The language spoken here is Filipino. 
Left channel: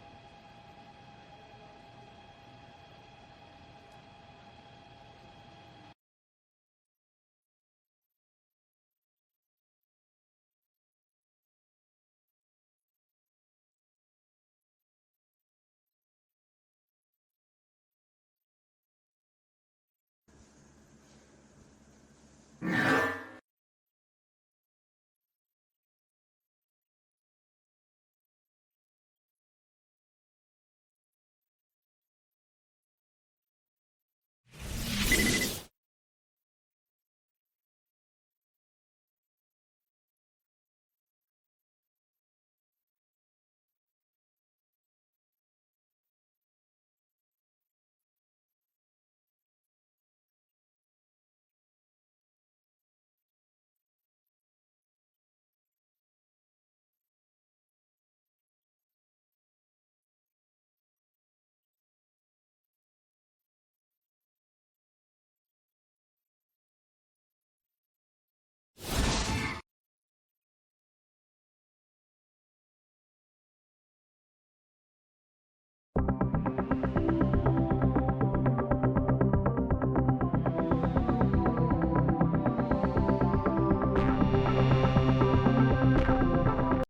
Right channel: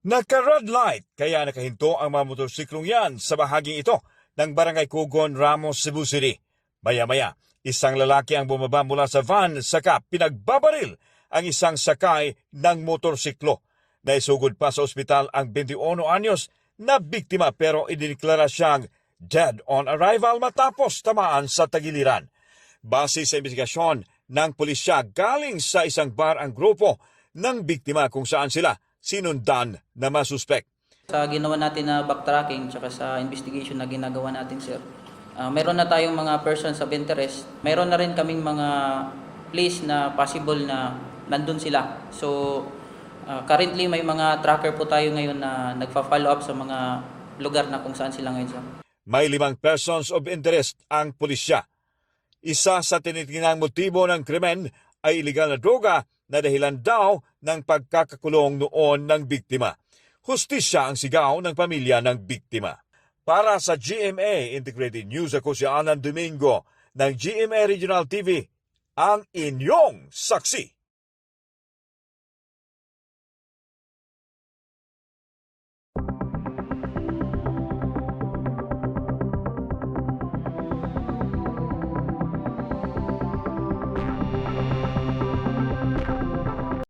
Naka-red light kaya nakahinto ang mga motorsiklong yan sa bahaging ito ng Barangay Cugon, Ramos, Cebu City. Maya-maya, isang lalaki ang bumaba mula sa van saka pinagbabaril ang isang sakay ng motorsiklo. Naisugod pa sa ospital ang 21 anyos na biktima pero idiniklara siyang dead on arrival matapos tamaan sa tagiliran. Base sa investigasyon ng pulisya, galing sa isang bar ang grupo ng biktima kung saan sila sinundan na masuspek. Sa ginawa natin na backtracking tsaka sa investigation na ginagawa natin, sir, mayroon na tayong mga persons of interest. Mayroon na rin kaming mga place na possible na nandun sila. So, currently may mga tracker po tayo ngayon na nagpa-follow up sa mga lugar na kung saan sila ngayon, sir. May 5 persons of interest ang pulisya. Isa sa tinitingnang motibo ng krimen ay illegal na droga na dahilan daw ng pagkakakulong noon ng biktima. Hustisya ang sigaw ng pamilya ng biktima. Para sa GMA Integrated News, ako si Alan Domingo ng GMA Regional TV, ang inyong saksi.